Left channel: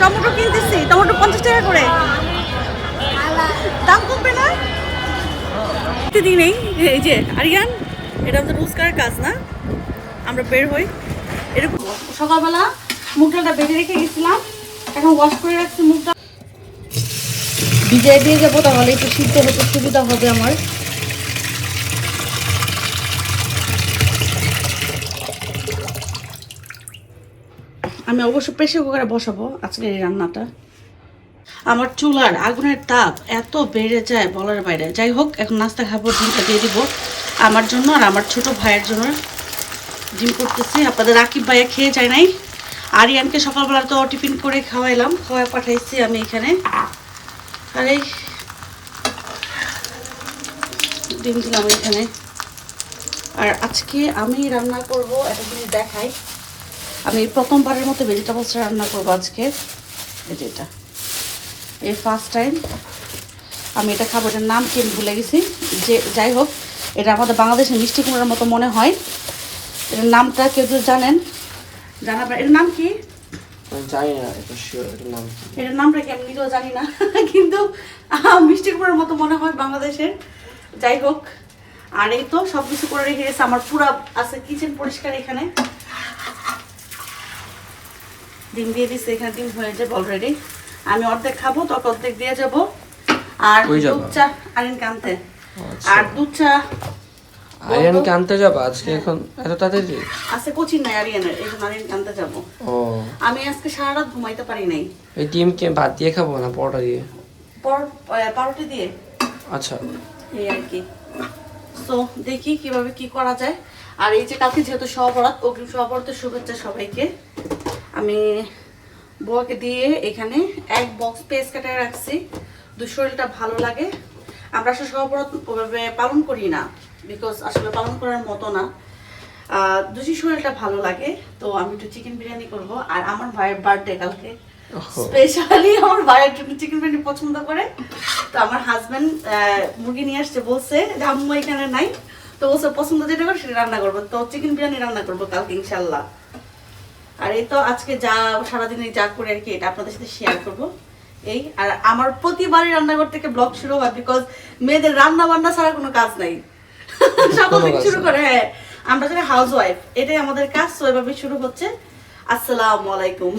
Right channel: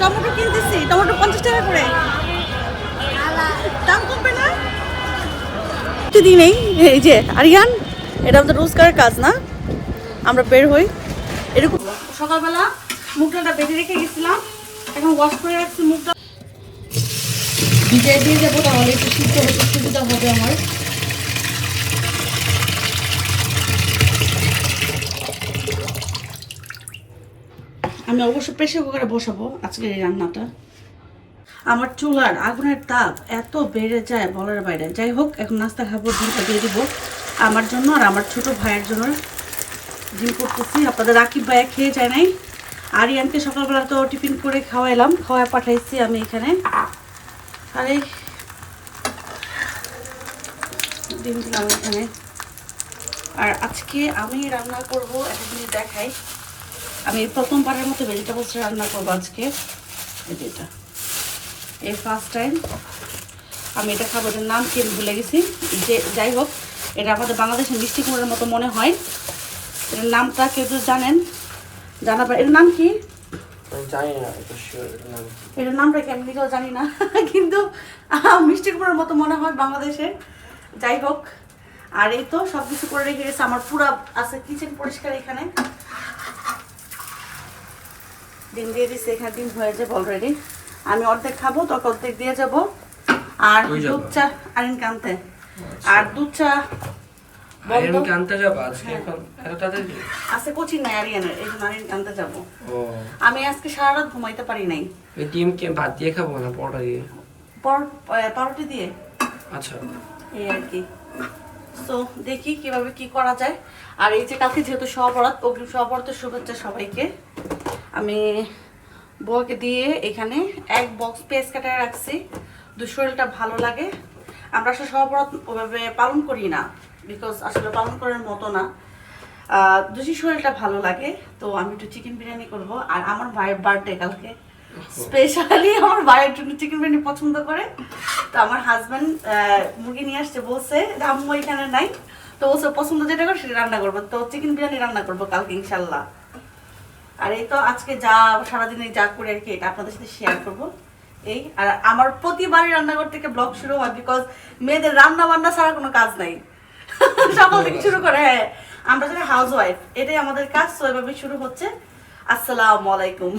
Tomato কিনতেছি, tomato 50 টাকা করে। দাম কমবে না প্রতিদিনেই। এই যে আরিয়ান, এটা আমাদের রোজকার কাজ না, আমরা বের হই এরকম। সকালবেলা মুগডালটা বেঁধে রেখে গেছিলাম, এখন ওয়াশ করে রাখছি। মুগটা ভিজিয়ে দিয়ে যাবো, তাহলে একটু সিদ্ধ হতে সুবিধা হবে আমার। আমি অবশ্য প্রেসার কুকারে বসাবো আজকের এই রান্নাটা। আমার চুলার আগুনের তাপ এত বেড়ে যায় বলার বাইরে। যাই হোক, এখন নাস্তা খাবো, ডিমটা দিয়ে দিব আমার জন্য আর আমার ছোট ভাইয়ের জন্য। ডিম করতেছি, আপনাদের রাকিব ভাইয়া খেয়ে যায় নাই। আরিয়ানকে সকালবেলা তো টিফিন করে খাওয়াইলাম, খাওয়াই পাঠাইছি আমি এখানে। আর এই ডিম দিলাম এখানে। আর আজকে আমি রান্না করব, একটা জিনিস দেখাই। আমি প্রথমবারের মতো ভেজিটেবলস রান্না করবো আজকে। এটা এই ফার্স্ট টাইম আমি এটা খাবো। এটার নাম কি আমি ভুলে গেছি। যে যাই হোক, এটা আমাদের বাংলাদেশের মিষ্টি কুমড়ার মতো মনে হয়। এটার নামটা কেউ কেউ জানেন, জানাবেন। এটার নাম কি জানি না, এটার নামটা কি আমি নিজেও জানি না, কিন্তু মিষ্টি কুমড়ার মতো মনে হয় বাংলাদেশের। যাই হোক, আর এই তো সব কিছু করে রেখে গেছে। আমার পুরা আছে কিচেন পরিষ্কার। এখানে ডিম দিয়ে দিচ্ছে, এখানে ডিম হয়ে যাবে অলরেডি। আমি অর্ধেক খাবো, তখন অর্ধেক দিয়ে যাবো। আর দুধ চা আরিয়ানকে আনতে, আর দুধ চা আরিয়ানকে আনতে যাবা আজকে? এখন এত তাড়াতাড়ি? আজকে কোচিং নাই আরিয়ানের, এই জন্য আরিয়ানকে আনতে যাবো। ও, আমি আজকে সারা রাত ঘুমাইতে পারি নাই। এই ডিমকে ভাত দিয়ে খাবো না পরোটা দিয়ে? পাউরুটি দিয়ে। আচ্ছা, এই আর কি। তো দেখি কিভাবে কি করা যায়। আর এই যে কালকে যেহেতু সহবরাত, অগ্রিম সহবরাতের শুভেচ্ছা সবাইকে। আমি বউকে দিয়ে এখানে এক বক্স পেঁয়াজ কাটায় রাখছি। শরীরটা ভালো লাগে। আমরা আসলে সহবরাত ওভাবে পালন করি না, বিকজ আসলে পালন করার মতো না। যদি শরীরটা ভালো লাগে তো আমি একটু চিকেন বিরিয়ানি করব। আর আমার ভাইয়ের বার্থডে কালকে, স্পেশালি আমার ভাইয়ের জন্য চিকেন বিরিয়ানি পছন্দ করে। তো আমার হাজবেন্ড মুরগি নিয়ে আসছে, বলছে যে আম্মু এখানে নাই, তো বলছে পছন্দ যেটা করে সেটা রান্না করবো। তো চিকেন বিরিয়ানি রান্না করবো কালকে ইনশাল্লাহ। আর এই তো আজকে যা সারাদিনে যা করে আর কি, এটা আপনাদের সাথে শেয়ার করবো। এই আর আমার প্রতিবারই রান্নাঘর থেকে ব্লগ শুরু হয়, বিকজ মেয়েদের রান্না বান্না ছাড়া কোনো কাজ নাই। সকাল থেকে শুরু করে, হ্যাঁ আমরা যারা হাউস ওয়াইফ, এটাই আমাদের কাজ। তো এভাবে শুরু হচ্ছে। আসসালামু আলাইকুম।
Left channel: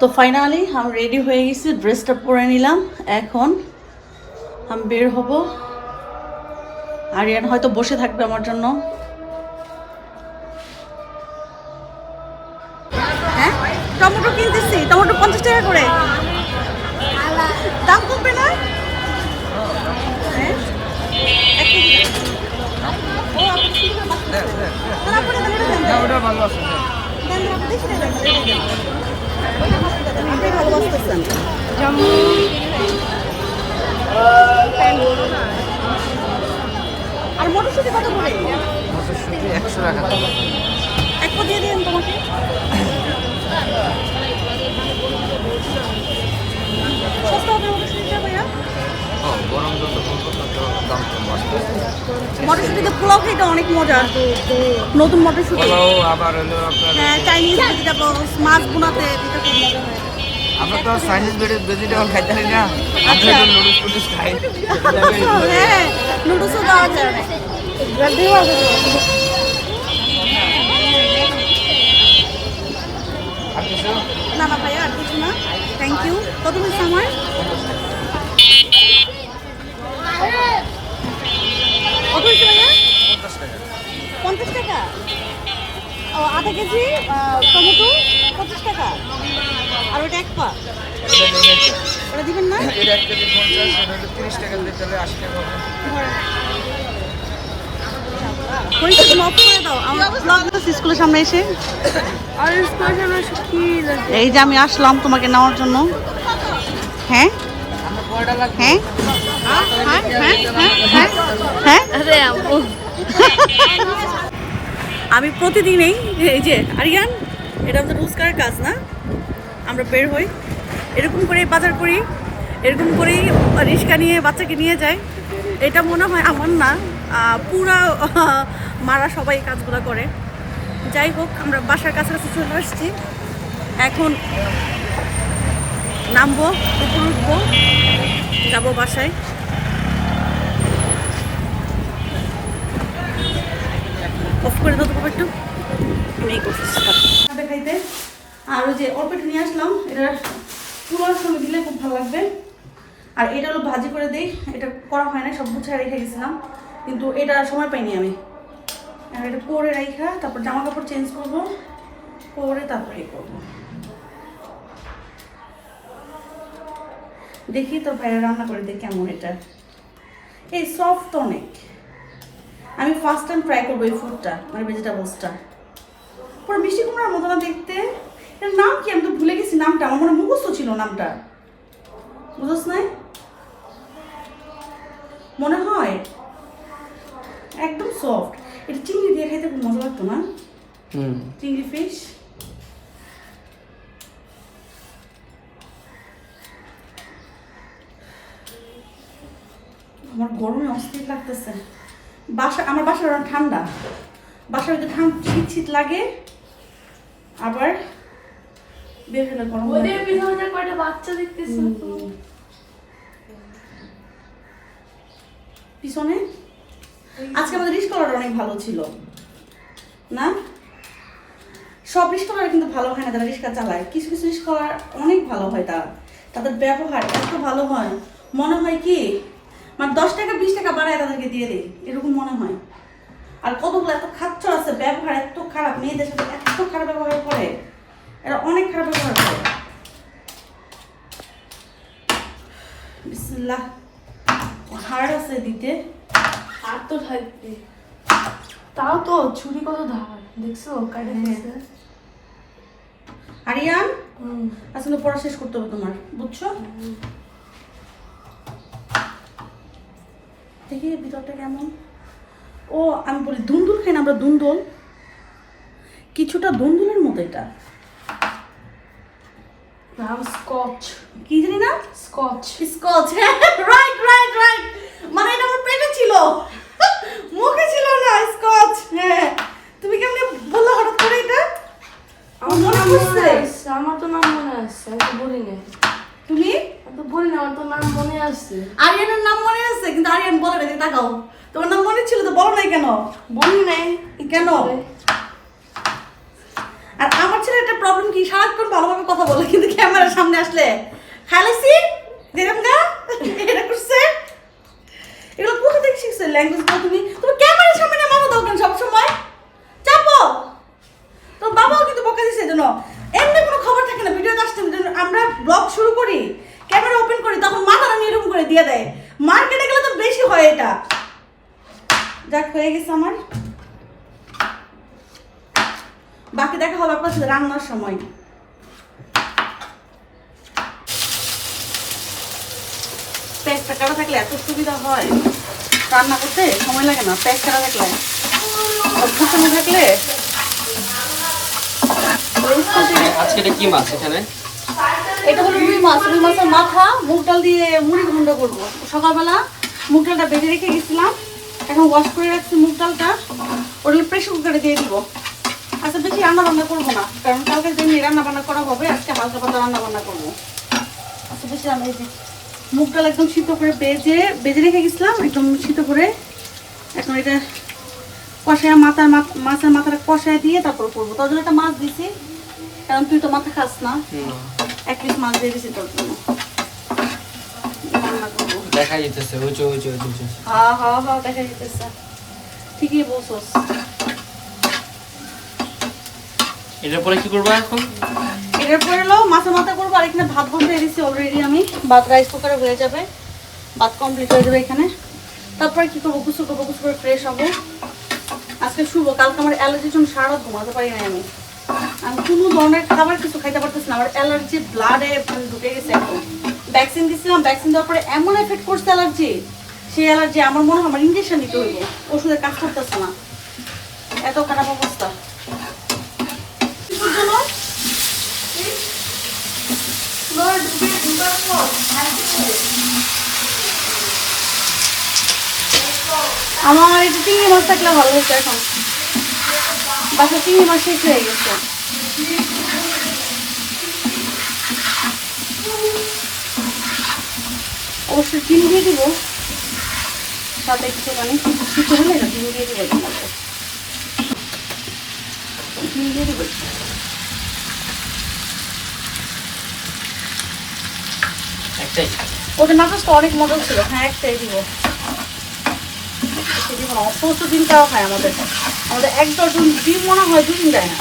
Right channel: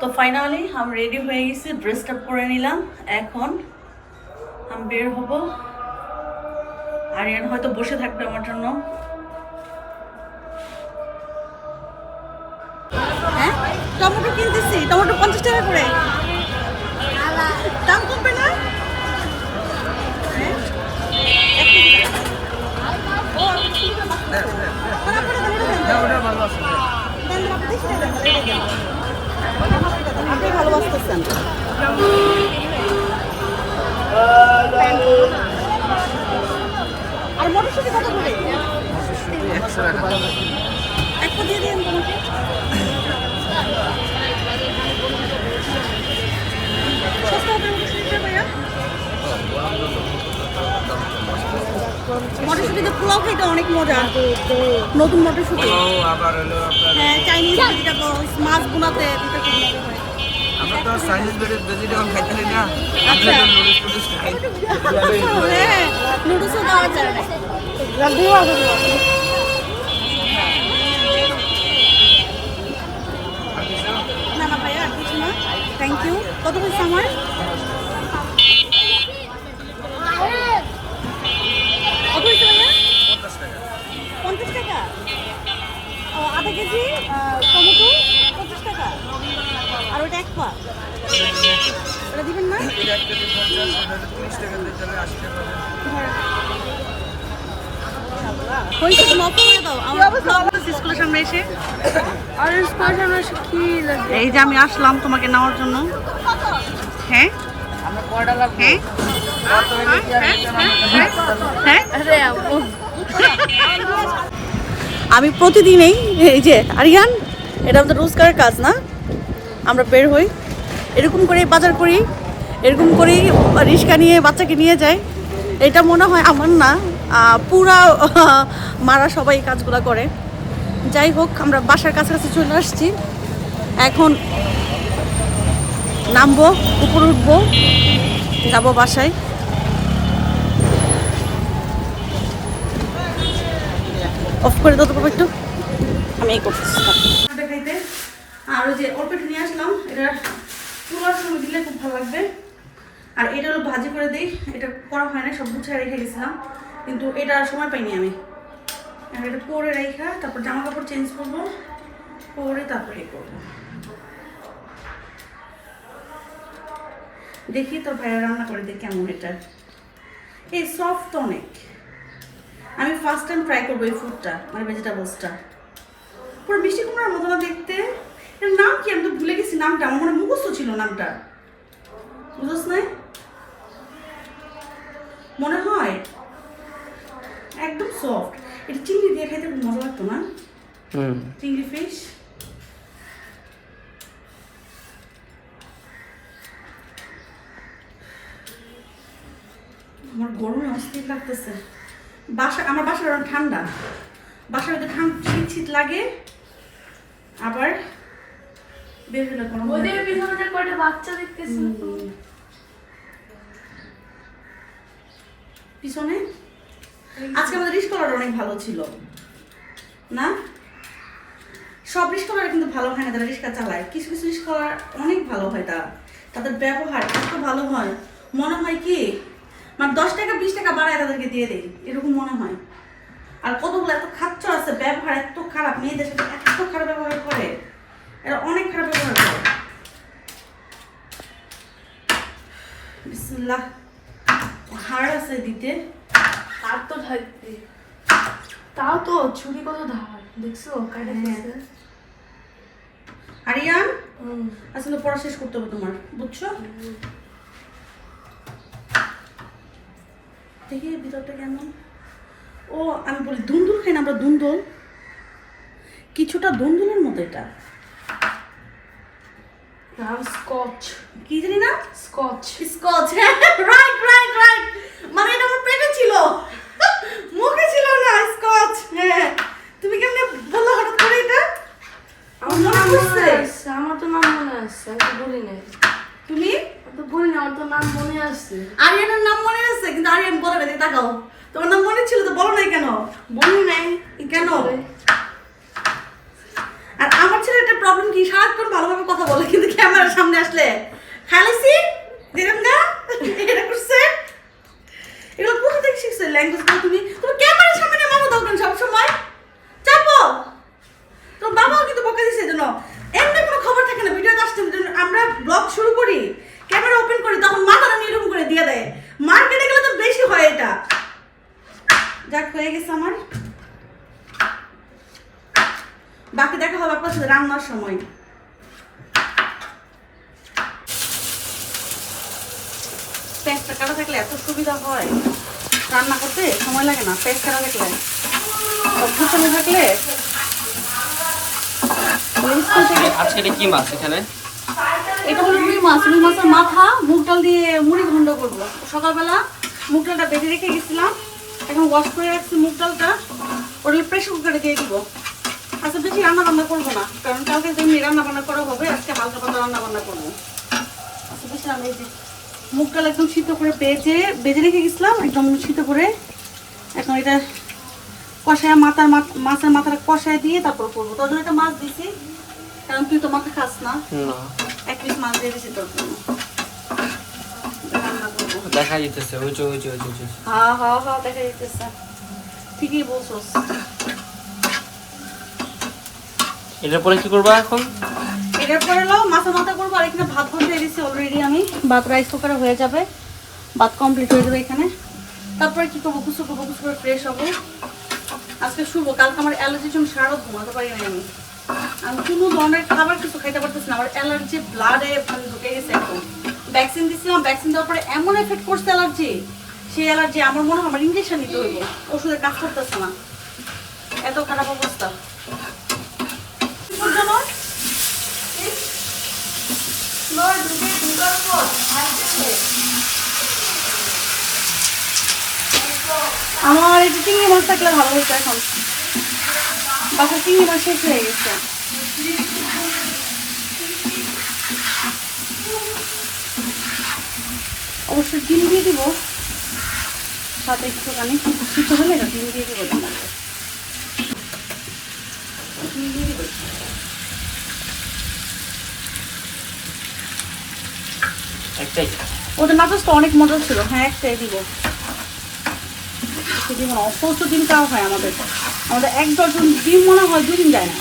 তো ফাইনালি আমি রেডি হয়ে গেছি, ড্রেসটা পরে নিলাম। এখন আমি বের হব। আরিয়ান হয়তো বসে থাকবে আমার জন্য। হ্যাঁ, টমেটো কিনতেছি, টমেটো 50 টাকা করে। দাম কমবে না? হ্যাঁ, এক কেজি দাম। ও আপনি কি করে তাহলে আপনারা দেন, ভালো আছে দেন, আপনি দেখে দেন, আপনি ভালোবাসতেছেন। আর মটরশুঁটি কত করে? মটরশুঁটি 100 টাকা। এক পা দিয়ে দিন তোমাকে। সস্তা হবে মটরশুঁটিটা ভাইয়া। মটরশুঁটিতে পোলাও খাইতে অনেক মজা। নতুন মটরশুঁটি, হ্যাঁ চাইনিজ ভেজিটেবলস, মাছ বোনাতে দিতে খুব মজা হয়। আমরা তো চাইনিজ ভেজিটেবল খাইতে পারি না। আচ্ছা, হ্যাঁ নুডলসও দেওয়া যায় না। না না ভাইয়া, আর কিছু না, থ্যাংক ইউ। কত হয়েছে আমার? কত হয়েছে ভাইয়া? 50 টাকা। ও আধা কেজি টমেটো 25 টাকা। আর ওটা এক পা, ওটা দিবেন না? হয়েছে, তুমি অফ করে দাও। আমার ব্লগ স্কুলের সামনে এসে, আর স্কুলের সামনে এসে কি লাগে? এই যে আমি আসলাম তোমাকে নেওয়ার জন্য। হ্যাঁ হ্যাঁ হ্যাঁ, আমি প্রতিদিনেই এই যে আরিয়ান, এটা আমাদের রোজকার কাজ না, আমরা বের হই এরকম করে বাজার করি, এরকম করেই রিক্সা নিয়ে বাচ্চাকে নিয়ে যাই। এটা মনে হয় আমার না, পুরা মারা সবাই এই কাজগুলো করে। যাই হোক, আমরা বাসার কাছাকাছি চলে আসছি। এখন নামবো, উপরে উঠবো, যাবো বাসায়। অফ করে দাও তো বাবা একটু, আমি এই করতেছি খাইতে। আর ওই যে অল্প একটু নিয়ে আসলাম, এটা পুরোর সঙ্গে দিলে খুব ভালো লাগবে। আর এটা হলো ভাজি করে দিই, এটা করা হয় না, সব গুছায় রেখে গেছিলাম, কিন্তু এটা সময় পাইনি আমি। আর এটা করে রেখা তারপর জামা কাপড় চেঞ্জ করবো, করে তারপরে এই করবো। দেখি তো ভাইয়া রান্না করে দিই কেমন এটা। এই সফট অনেক, আমি ফার্স্ট টাইম ট্রাই করবো এই ফুডটা, মানে ভেজিটেবলসটা। পুরো মিষ্টি কুমড়ার মতো না দেখতে। এর নাম কি আমি তো ভুলে গেছি নামটা, আমার মনে মুখস্থ ছিল নামটা, বুঝছ নাই মনে হয়। একদম সফট, এটা চিংড়ি দিয়ে খাইতে খুব মজা লাগতো না? চিংড়ি ফিশ। আমার গরমে অস্থির লাগতেছে। আমার বাসার অনেক ঠান্ডা, বাসার ভিতরে শীত শীত লাগে, আবার বের হলে গরম কয়টা বাচ্চা দেখতেছি পিছনে। আজকে আমাদের রিস্কলার অনেক ভালো ছিল না? সব রিস্কলার কিন্তু ভালো হয় না যারা রিস্কা চালায়, কিছু কিছু রিস্কলার অনেক ভালো হয়, তাদের ব্যবহার এত ভালো হয়, মনে হয় কি মানে 10 টাকা 20 টাকা বাড়ায় তাদেরকে দিয়ে দেয়, এরকম মনে হয়। আর কতগুলো এত খাচ্ছ আছে, ব্যবহার এত খারাপ, মেয়েদের সাথে এত খারাপ ব্যবহার করে, এরা অনেক খারাপ ব্যবহার করে। বিসমিল্লাহ, হাড় আছে দিতে। আর তো ঢালতে, তাও তো ছুরি কত ধার দেখছো কাটা গেছে। আরিয়ান আসলে পড়া শেষ করতে হবে তোমার, বুঝছো? দেখি ভিতরটা কেমন। ও আমি বলি দুন্দুল খাই না আমরা, দুন্দুল কিছুটা দুন্দুলের মতো এটা। নাম স্কচ, কি জানি না, স্কচ। স্কচ, হ্যাঁ রাইট রাইট রাইট, মানে এটা আমার পেটে ছিল, মুখে ছিল না। স্কচ, হ্যাঁ। তুমি কেমনে বললো হঠাৎ করে এটা? আমার তো নাম মনে আছে, আমার তো নাম মনে আছে, আমি তো বলি নাই। তুমি আমি তো বলি না, আমার তো নাম মনে আছে। আরিয়ানের নাম মনে আছে, কিন্তু আরিয়ান বলে না, তাকাও তোমার নাম মনে ছিল তো, বলো নাই কেন? বলি নাই কেন? আর আমার ছেলে একটা প্রবলেম কি, সারাক্ষণ ভালোভাবে কথা বলে, কিন্তু ক্যামেরার সামনে আসলে খালাসি দেখেন না এটা করছে। এগুলো কোথা থেকে শিখছে ল্যাঙ্গুয়েজ? তুমি তুমি ক্যামেরার সামনে মামা দাও কেন সব সময়? চাপো। তো বাবাও কিন্তু বকা দিছে জন্য, এমনি কোনো খবর থাকে না, ভিডিওতে আসতে আমরা ব্লগ শুরু করি, ক্যামেরা ওপেন করি, তখন মাথাটা নিরুম করে দিয়ে দেয়। মার্কেটে গেলে তো বেশি হয় এটা। যাক হয়ে গেছে আমার, বাকি দেখা হবে আপনার সাথে রান্নার সময়। পেঁয়াজটা কাটা থাকলে এত সুবিধা হয়, রান্না করতে সময় লাগে না। পেঁয়াজ কাটা থাকলে, অভ্যুত্থানে থাকলে। আজকে এটা কি মাছ এখানে? এটা হলো রুই মাছ, রুই মাছের মাথা মুগ ডাল দিয়ে মুড়ি ঘন্ট করবো। সকালবেলা মুগ ডালটা বেজে রেখে গেছিলাম, এখন ওয়াশ করে রাখছি মুগ ডালটা, ওটা প্রেশার কুকারে দিয়ে দিব। আচ্ছা বেশি রান্না বান্না করবো না, কারণ কালকে যেমনি রান্না বান্না করা হবে, আজকে হালকা পাতলা রান্না বান্না করবো। আচ্ছা বেশি আমি মুগ ডাল একদম সিদ্ধ করে বেজে রেখে গেছিলাম, একদম সিদ্ধ করে। এখন এটা কষায় মাছের মাথাটা কষায় দিয়ে তারপর করবো। তোর জন্য একটা মাছ দিছি, কারণ তুই তো মাথা খাস না, এক পিস মাছ দিয়ে দিছি তোর জন্য। দেখা যেতেছে হ্যাঁ হ্যাঁ হ্যাঁ দেখা যেতেছে, ঠিকই বলছোস। এটার পরে কি করবা এখন? এটার পরে হলো মাছের মাথা করবো, আর এখানে ভাত বসিয়ে দিয়েছি অলরেডি আমি। ভাত রাইস কুকারে হয়ে যাবে, ভাত কমপ্লিট হয়ে যাবে এখানে। তারপরে কি করবো, গোসল করবো, গোসল করে ফ্রেশ হবো। আজকে শুভ, কালকে আমার অ্যালার্জির জন্য সারা রাত ঘুমাতে পারি না আমি কোনো ধরনের খাবার কিছু খাইতে পারতেছি না, আমার অ্যালার্জি ব্লাডে ঢুকে গেছে। এখন ভ্যাকসিন দিয়েছিলাম, ভ্যাকসিন দেওয়ার পরে এমন এফেক্ট করছে অ্যালার্জি, সেই অ্যালার্জি আমার মনে হয় আমার ইঞ্জেকশন নিতে হইব, ওষুধে কাজ করতেছে না, এত খারাপ অবস্থা। আমার একটু চিংড়ি মাছ থাকলে ভালো হতো, এখন বাসায় চিংড়ি মাছ শেষ হয়ে গেছে। অবশ্যই ডিম দিয়ে দিব, সাথে একটুখানি সিদ্ধ হলে না ডিম দিয়ে দিব, ডিম দিয়ে দিব। একটাই ওটা নাকচটা অনেক মজা ছিল। হ্যাঁ একটাই দিব, প্রচুর ডিম খাওয়া হয় আমাদের। আমাদের 1 ডজন ডিম মনে হয় 2 দিন দেয় না,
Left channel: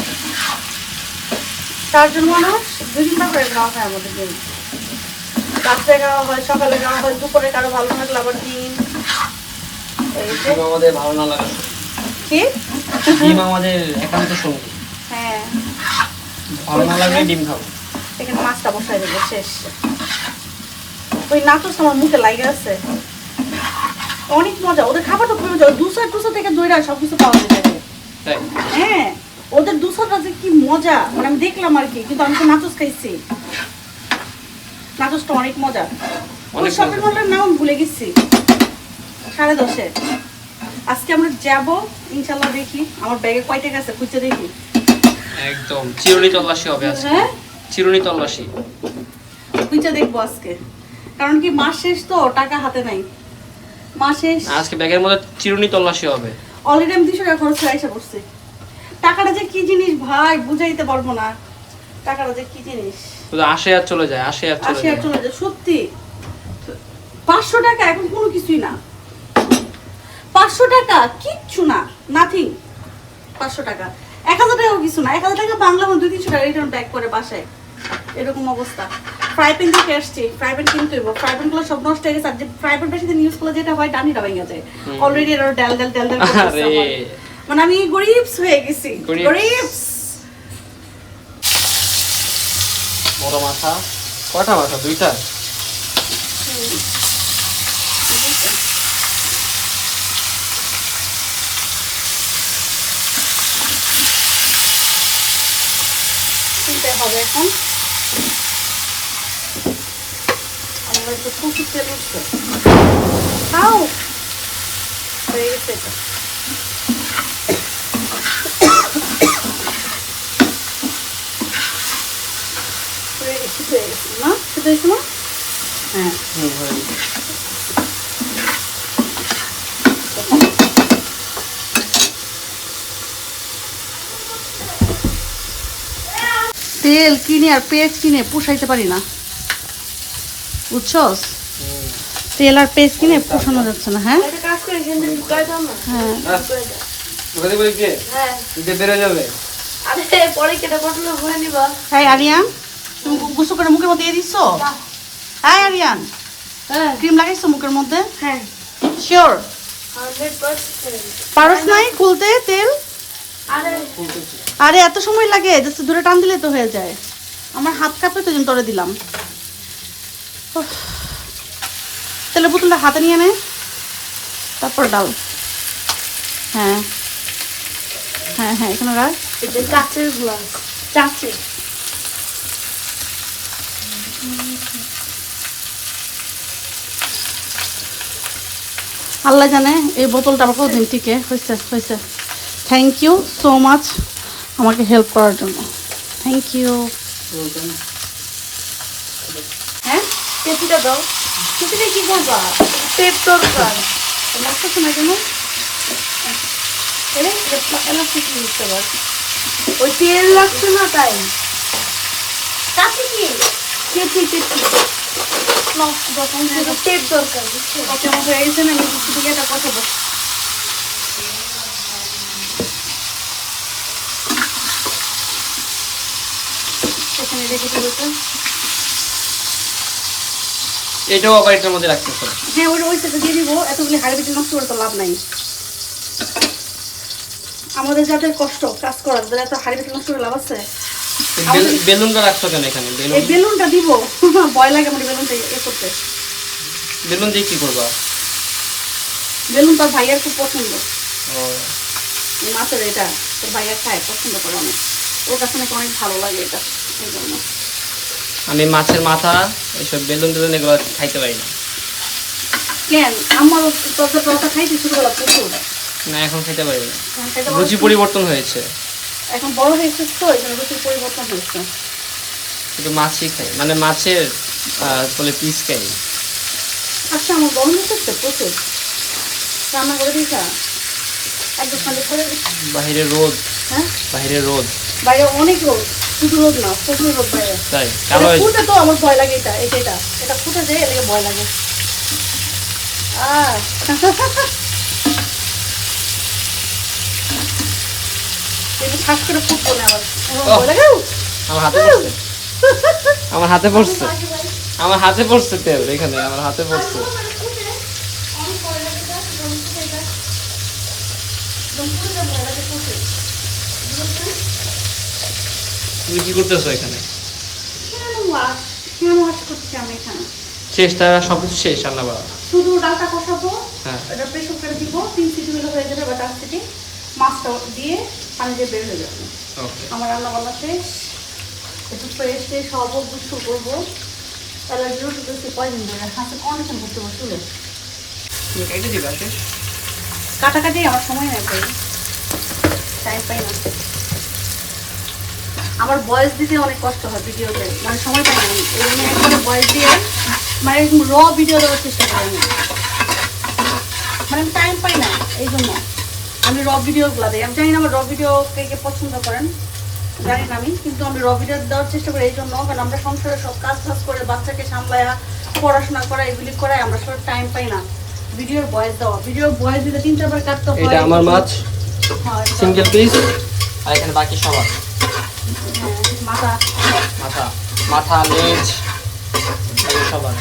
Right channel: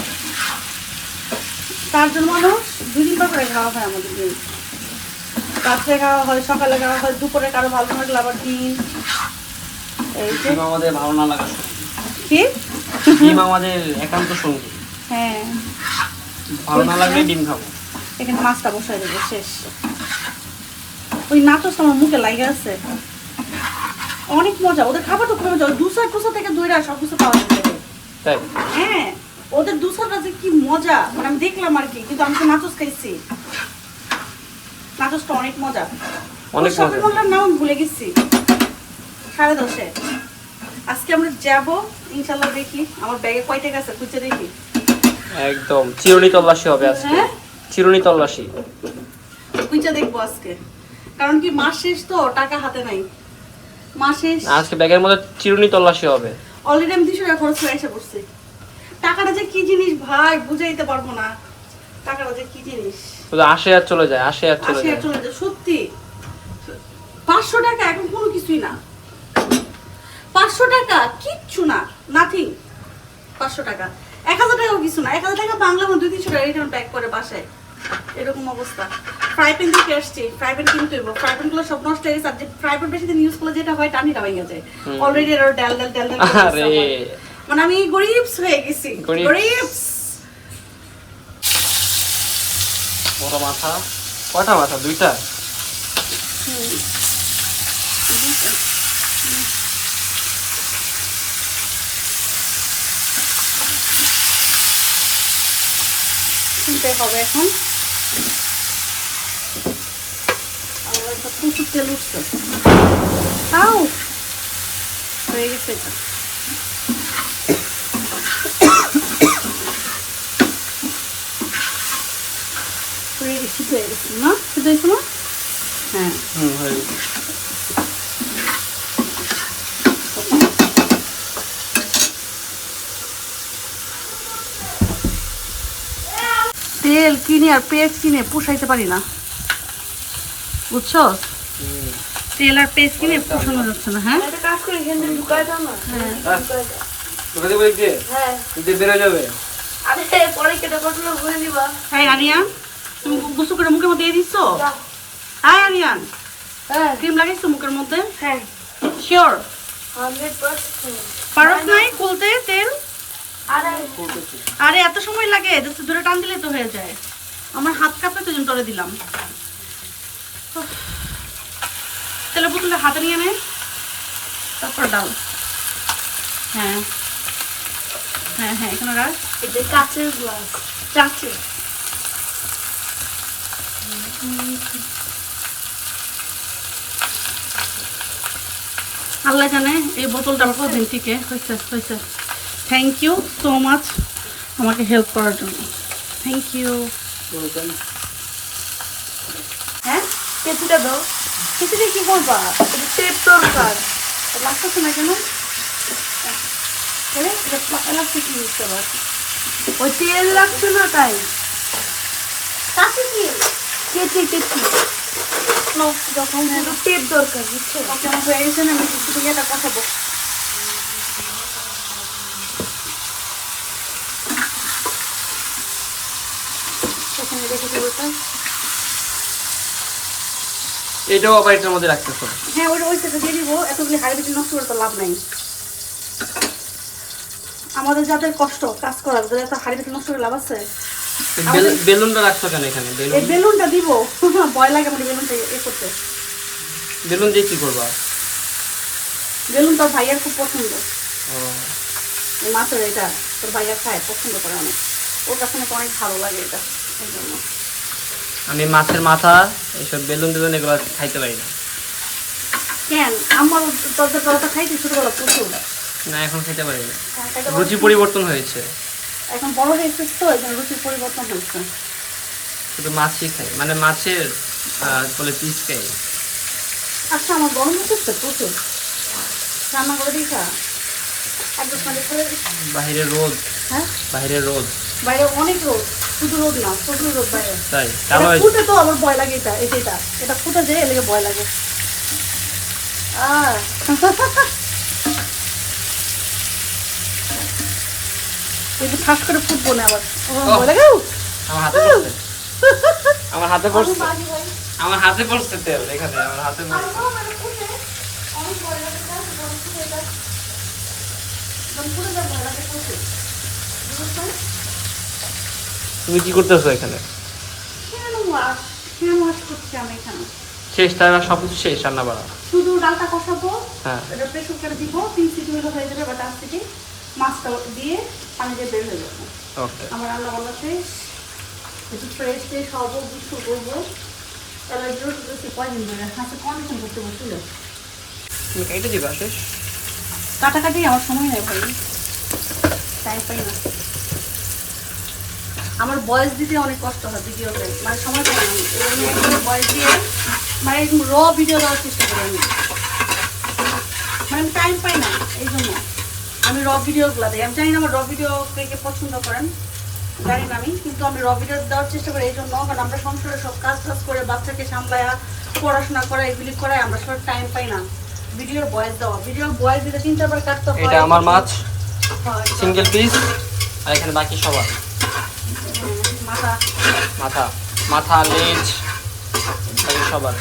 4 জন মানুষ 2 দিন করে খাওয়া হয় আমাদের ডিম। রাত্রে খাওয়া হয়, সকালে খাওয়া হয়, দুপুরে কারো ভালো লাগলে আবার ডিম। ডিম আমাদের ভালো না লাগা কি ডিম আমাদের একান্ত সঙ্গী। হ্যাঁ ভালো না লাগলে ডিম খাবো। এখানে মাছটা বসাই দেবো, শেষ। ওই নাকচ আমার মুখে লাগে আছে, অনেক মজা। ওদের খাবারটা খুব মজা, দুসা টুসা থেকে দইরা সবকিছু পাওয়া যায়। তাই হ্যাঁ ওদের দুসাটা যে কি মজা, মানে আমি দেখলাম আর কি, কিন্তু আমি তো নাচুস খাইছি। নাচুসটা অনেক মজা। অনেক শপিং মজা। মলটার নাম ভুলে গেছি, 10:30। আজকে আমরা যাব ইনশাল্লাহ। দেখি আমার ব্যাগে কয়টা গেছে, খুঁজে দেখি। একদম চিরুনি তল্লাশি হবে আজকে। হ্যাঁ চিরুনি তল্লাশি খুঁজে দেখবো আজকে, কারণ কি মাস শেষ তো, টাকা হাতে নাই। মাস শেষ আজকে ব্যাগের মধ্যে চিরুনি তল্লাশি হবে। অলরেডি আমি 200 টাকা খরচ করে এসে পড়ছি। টাকাটা যে কি জিনিস ভাই বুঝাইতে পারবো না, টাকাটা যে কি জিনিস। শুধু আসে আর চলে যায়, আসে আর চলে আসে আর যায়। চলে যায়, সত্যি। 500 টাকা এখন কোনো কিছুই না। 500 টাকা কিচ্ছু না, নাথিং। 500 টাকা 1000 টাকাও কিছু না। 1000 টাকা বাংলা 200-300 টাকা রিটার্ন ব্যাক করে বাসায়, এরকম অবস্থা। ফ্রাই প্যান থেকে আসছে, ফ্রাই প্যান কিনতে হইব। ফ্রাই প্যান গুলো সব নষ্ট হয়ে গেছে। আর যে ফ্রাই প্যান বেশি দিন ইউজ করলে যেটা হয়, টানিটা ভেঙে যায়। অলরেডি এর ডাল ডাল ডাল ডাল আরে মানে আমি গরিবস হয়ে গেছি, গরিবস। গরিবস। বড় মাথা, কয়টা মাথা? 2টা। কিনতে হবে এখন। আমাদের তো প্রচুর তেল উঠছে। খাও হয়ে গেছে এটা। হয়ে গেছে, হয়ে গেছে না? শুধু হয়েছে না? হ্যাঁ হয়ে গেছে। তেল কিনে আর পেঁয়াজ কিনে পোষাইতে পারি না, বুঝছস? তেল আর পেঁয়াজ কিনে পোষানো যাচ্ছে না। হ্যাঁ একটা কাজ করে এখান থেকে ঢুকাই দাও না। ঢুকাই দাও। তোকে দেবো কি? হ্যাঁ তুই বেরো যাবে। আরে পরে কেটে পটলো ভরে নিবা। হ্যাঁ আরিয়ান, তুমি গোসল করে মুখের মধ্যে দিয়ে দিচ্ছ? হ্যাঁ আরিয়ান, হ্যাঁ ক্রিম লাগাইছো মুখের মধ্যে? হ্যাঁ শিওর? 100%। পারস নাই খুলতে তেল? আরে আরে এত সময় লাগে, জাস্ট দূরে টান দিলে তো হয়ে যায়। আমার হাত কাঁপে তো জন্য তোরে দিলাম। উফ। তেলের বোতলটা হাতে নিয়ে নে, তারপর ডাল। হ্যাঁ হ্যাঁ হ্যাঁ এখানে রাখ। এটা কাচের গ্লাস, কাচের। আল্লাহ জানে এই বোতলটা আমার কতদিন টিকে। হয়েছে হয়েছে। থ্যাংক ইউ সো মাচ আমাকে হেল্প করার জন্য, থ্যাংক ইউ। হ্যাঁ কেটুটা দাও। সেটা কি করবা? টেপ দরকার। লাগতেছে না কেন? এলাস্টিক দিতে পার। ওই তেল লাগছে না তাই। কাছে কি কেটে কেটে নাও, যখন টেপ দরকার বুঝছো? ওকে আমার হয়ে গেছে না, আমি কিছু থেকে এটা কষাবো। এখানে রেখে দেবো তো। এটাও আবার এটার মধ্যে রাখতেছো? হ্যাঁ ওই সেটা দিয়ে দিব। এতগুলি হাড়ি বেটে নষ্ট করে তো লাভ নাই। আমাদের যাদের কষ্ট কাজ করার, যাদের এত হাড়ি বেটে নষ্ট করে লাভ আছে? বেলুনটা রাখছো কেন এখানে? বেলুন, এই বেলুনটা দিব, ভয় লাগে মানে বেলুনটা করতে। বেলুন দিয়ে কি করবা? বেলুন তোর ভাইয়ার খুব পছন্দ, ও এই মাছের এটা তোর ভাইয়া খায়, পছন্দ করে অনেক। ওর কাছে নাকি অনেক ভালো লাগে এটা, এই জন্য। আমি মাছের মাথা এইসব বেলুন টেলুন এগুলো খাইতে পারি না। কেন আমার তোর তোরটা খাইছি ছোটবেলা প্রচুর। না এখন খেতে পারি না, খাইতে পারো? রুচি পরিবর্তন হয়েছে। এখন বড় হয়েছিস তো, এই জন্য রুচির পরিবর্তন হয়েছে। শুধু মাছই খাই, মানে মাছের বলে পিস খাই। আচ্ছা আমার গরম হচ্ছে প্রচুর, রান্না করে দিয়েছ একদম ঠান্ডা করে দিচ্ছি। বাহিরে রোদ, হ্যাঁ বাহিরে রোদ, বাইরে অনেক রোদ, শুধু রোদ না প্রচুর রোদ বাইরে। তাই কালো হয়েছে। ফুটে তো আমার ভয় লাগে, এটা এটা এটা ফুটে দিয়ে এলাকা ভয় লাগে। যদি ফাঁস করে ফুটবো না আমার ভয় লাগে। আমার হাতে পড়ছে, আমার হাতে পড়ছে, আমার হাতে পড়ছে তেল এখানে, আমার হাতে পড়ছে। তুমি কি করতেছো এখানে? শেষ তাই সবকিছু শেষ রান্না বাড়া? শুধু ডালটা কষাবো, হ্যাঁ এটা প্রেসার কুকারে দিব, 3 সিটি হয়ে যাবে বা 4 সিটি, মাছটা দিয়ে পানি দিয়ে বের হয়ে যাবে। ওকে, আমার রান্না বান্না শেষ, একটু ফ্রেশ ফ্রেশ হবো, গুছু করবো। অ্যালার্জি উঠে কয়দিন ধরে হাতে কন্ডিশন করতে বসলে তুমি কেটে দিবা শেষ? কাটাকাটি আমার সময় হয়ে যায়, টাইম পাই না। আমার ভয়েস দিতে অনেক কষ্ট হয় ভিডিওতে, মানে সময় পাই না আমি, এই জন্য একবার ভয়েস দিয়ে মানে র ভিডিও দেওয়ার চেষ্টা করি আমি, মানে আমি টাইম পাই না, এই জন্য আমি র ভিডিওগুলো দিই। আমি জানি না আমার র ভিডিও কে কে পছন্দ করেন, জানি না আমি, কিন্তু আমি র ভিডিও দেওয়ার চেষ্টা করি এই জন্য, কারণ আমরা সংসারে সব কাজ টাজ করে বাচ্চাকে সামলায়া পড়াশোনা করা এগুলি করাই, আমরা সব টাইম পাই না ভিডিওর ভয়েস দেওয়া। ভিডিওর ভয়েস দিতে 3-4 বার কাটতে হয়। এটা আমার মাছ হয়, সিঙ্গেল পিস, আর এখানে বাকি সবার মাথা মাথা, মাথা লেজ বাকি সবার।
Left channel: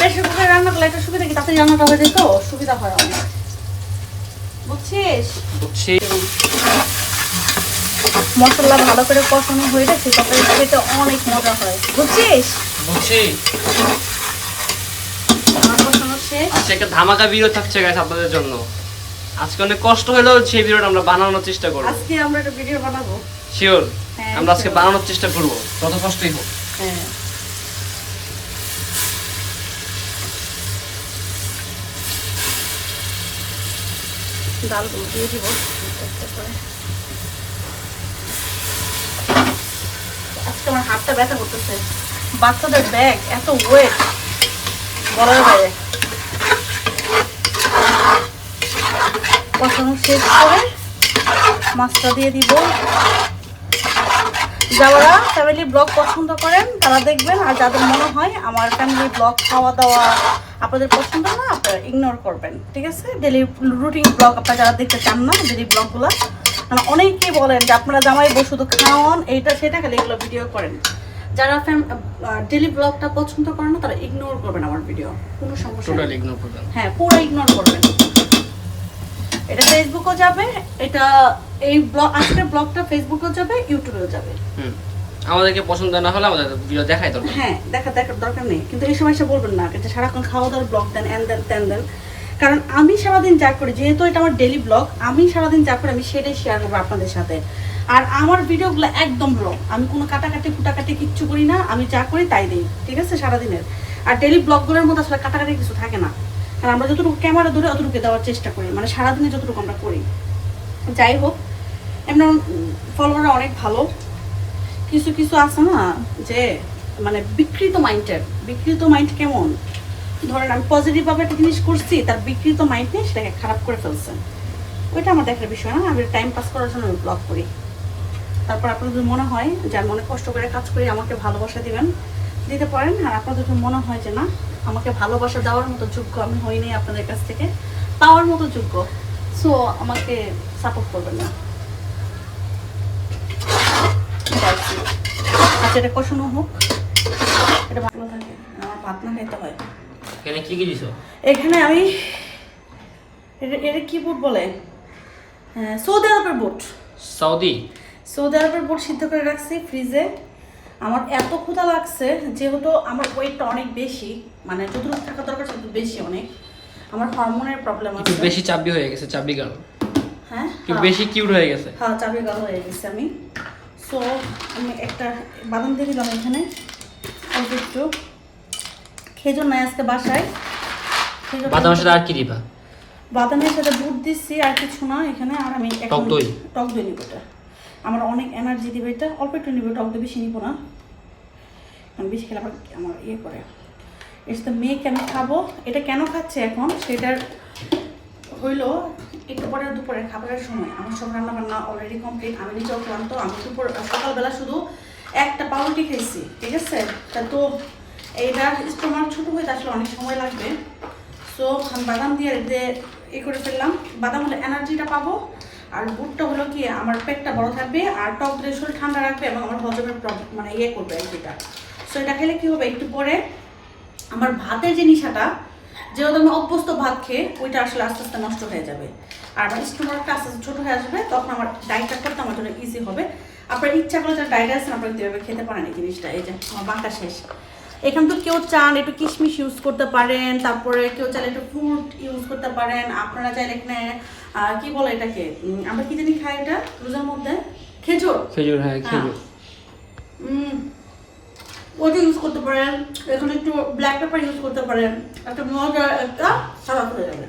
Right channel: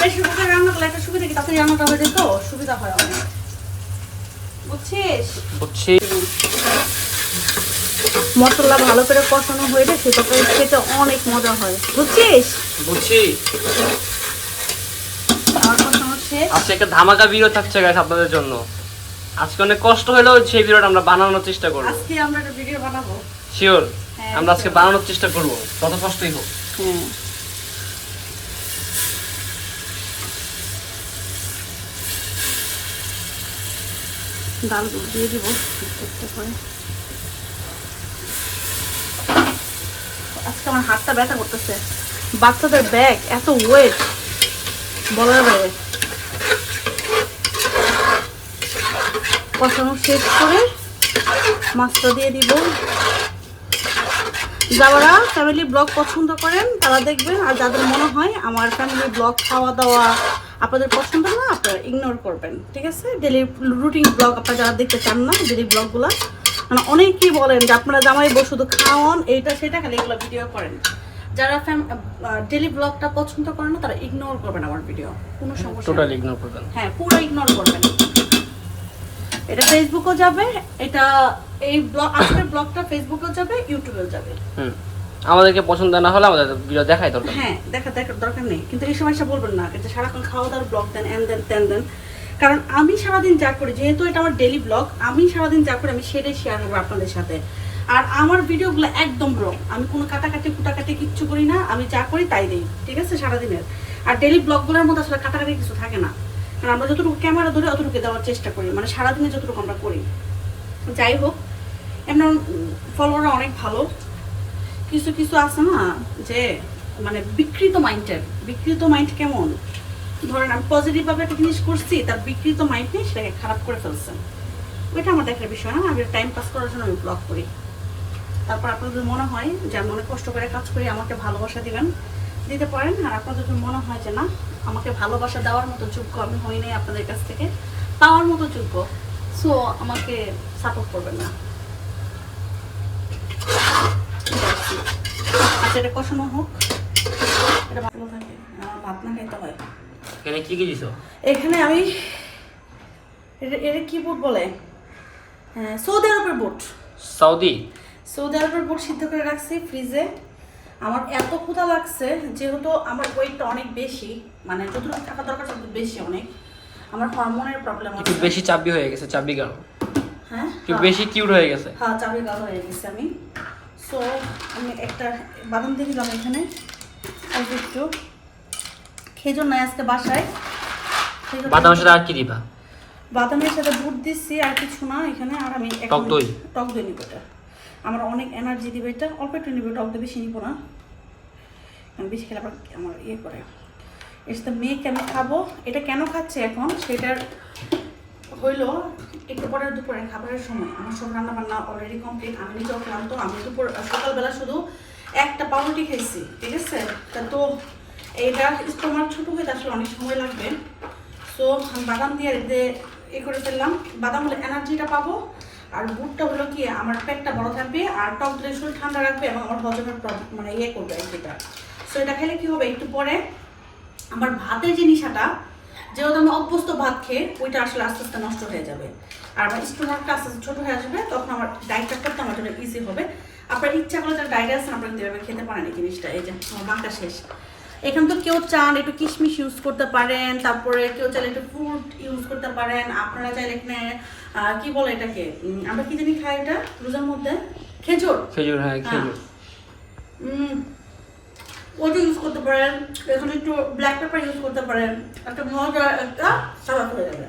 বেশি করে রান্না করলে একটা সুবিধা কি, তাড়াতাড়ি রান্নাটা হয়ে যেত, সুবিধা হয় অনেক, বুঝছিস? বুঝছি। মশলা ভালো করে কষানো হয়ে গেছে, তারপরে খেতে অনেক মজা হয়, বুঝছিস? বুঝছি। আমার কষানো শেষ। আজকে একটা ধামাকা ভিডিও থাকছে গাইস আপনাদের জন্য। আজকে অনেক কষ্ট হলেও সেই ভিডিওটা আমরা বানানোর চেষ্টা করব। আজকে আমরা একটা ভিডিও বানাবো, শিওর হ্যাঁ, আমরা আজকে বানানোর চেষ্টা করব, যত কষ্টই হোক। হ্যাঁ। ডালগুলো দিয়ে দিব আজকে। আমার হাতটা ব্যথা করতেছে, বাচ্চাদের ব্যাগ এত ওয়েট বলার বাইরে। কষানো শেষ করে মাছটা দিয়ে দিব। যারা ফ্যামিলি ব্লগ পছন্দ করেন তারা দেখবেন, আর যাদের মনে হয় আমার ফ্যামিলি ব্লগ খাওয়া দাওয়া আপনাদের পছন্দ না, আপনারা ইগনোর করবেন, ঠিক আছে? ডেলি রুটিন ব্লগ আপনারা যারা দেখতে চান না, ডেলি ব্লগগুলো, মানে অনেকেই বলেন যে আপনারা জামাই বউ শুধু খাওয়ান এইটা সেটা, খালি এগুলো ভিডিও করেন। যারা ডেলি ব্লগটা পছন্দ করেন না তারা ইগনোর করবেন আমার ভিডিও, কোনো সমস্যা টোটালি নেই। ইগনোর করবেন, হ্যাঁ পুরো ইগনোর করবেন। এটা ফেসবুকেও যাবে, এটা এই ব্লগ আজকের ব্লগটা ফেসবুকেও যাবে, ইউটিউবেও যাবে। আমাদেরকে পছন্দ না হলে আমাদের ভিডিও দেখাই দরকার। হ্যাঁ দেখার দরকার নেই, কিন্তু এই সময় এসে বলবেন না যে সারাক্ষণ খাওয়া দাওয়ার ব্লগ দেন, এন দেন তেন দেন, কারণ আমি সারাদিন যা করি, যেহেতু এটা আমার ডেলি ব্লগ, আমি সারাদিন যা করি আমি সেটাই শেয়ার করবো আপনাদের সাথে। আর আমার ভিডিওগুলো একদম ব্লগ, আমি কোনো কাটাকাটি কুটাকাটি কিচ্ছু করি না, আমি যা করি তাই দিই, ঠিক আছে, সারাদিনের। আর ডেলি ব্লগগুলোর মধ্যে আসলে কাটাকাটি কিছু থাকে না, কারণ আমরা যতটুকু ক্যামেরা ধরে অতটুকু দেওয়ার চেষ্টা করি, মানে সারাদিনে যতটুকু আমরা করি। যাই হোক, এমন ফলোয়াররা অনেক ভালো, কিছু কিছু আছে না যে মানে বিকৃত মাইন্ড কেমন, ধরেন আমি পজিটিভভাবে একটা জিনিস করছি, তার বিকৃত মাইন্ড নিয়ে সেটাকে খারাপ করে ফেলছেন, ওইটা আমার দেখার বিষয় না। আমি টাইম পাস করার জন্য আমি ব্লগ করি। তারপর আপনার যদি মনে হয় যে আমি অনেক কষ্ট করে কাজ করি, আমাকে ভালোবাসা দিবেন, দিতে পারেন। আর আপনাদের যদি মনে হয় যে না আমাকে ভালোবাসা দেওয়ার মতো যোগ্য আমি হইনি আপনাদের কাছ থেকে পাওয়ার মতো যোগ্য, সো আমাকে সাপোর্ট করবেন না। আচ্ছা এটা কষানো হোক, এটা ভালো থাকে, আমার ভাত না খেতে হয়। এখানে কি কি দিছো? এখানে আমি এটা কি বুট বলে, সৌদি আরবের বুট, সৌদি আরবের বুট সিদ্ধ করে রাখছি ফ্রিজে। আমার এত ক্ষুধা লাগছে, যেহেতু আমার ওয়েটটা অনেক বেশি, মানে যতটুকু থাকা দরকার তত বেশি অনেক, আমার হরমোনের প্রবলেম আছে, একটু বেশি চাবি হয়ে গেছে, চাবি গাল, হ্যাঁ একটু বেশি কিউট হয়ে গেছে। হ্যাঁ চাবি গাল হয়ে গেছে আমি। সো আমি একটা বাদাম দিয়ে দিলাম এখানে, অল্প একটু, খেজুর নাই আজকে বাসায়, বাদামের সাথে আর কি দিবা? বাদামের সাথে বুট দিচ্ছি, আর কিছু না এখানে। আর আমি টক দই নিব, এটা আমার অনেক এনার্জি দিবে, এটা অল্প একটু নিব, টক দই বেশি নিব না, কারণ বেশি খেলে আবার আমার ইয়ে করে। ইটস দ্য মেক আমি খাবো। এটা কেন খাচ্ছে এখন সেটার হইলো একটু পরে দুপুরে খাবারের সময় আমার সব রান্না বান্না অলরেডি কমপ্লিট। আমি নিজেও ক্লান্ত, আমি সকালবেলা শুধু একটা পাউরুটি খাইছি, ঠিক আছে? তা তো এইটা স্টোমাক ছোটো হয়ে আসলে অনেক সময় লাগবে। সো আমি বাদাম দিয়ে করে ফেললাম। বাদাম হলে এনার্জিটা পাবো, আর বুটটা হলো কি আমার পেটটা বড় থাকবে, আর টক দই শরীর ঠান্ডা রাখবে এবং আমার হজমের মানে করবে যেটা। সো এটা খেলে কি হবে, একটু পরে আমার ভাতের যে নিশাটা, যেহেতু আমি অভ্যস্ত ভাত খেয়ে, ওইটা আসলে আস্তে আস্তে নষ্ট হয়ে যাবে, আর আমার স্টোমাকটা আস্তে আস্তে ছোটো হয়ে আসবে। তখন আমার ডায়েটটা করতে আমার জন্য ইজি হবে। আপনার ইচ্ছা করলে যারা ডায়েট আছেন আপনারা কীভাবে খেতে পারেন এই জিনিসটা। এই যে আমার বাঁকা শেষ। এখানে তো কেউ চান একটু কিশমিশ ইউজ করতে পারেন, তারপরে কেউ চাইলে একটু ফ্রুট ইউজ করতে পারেন। আপনারা চাইলে এখানে কি বলে এটাকে, আমরা কি জানি খাই এটা রোজার মধ্যে, খেজুর। খেজুর, হ্যাঁ খেজুর। ওটা ইউজ করতে পারেন। এখানে একটু ব্ল্যাক পেপার ইউজ করতে পারেন। একটা মজা একটা সালাদ হয়ে যাবে।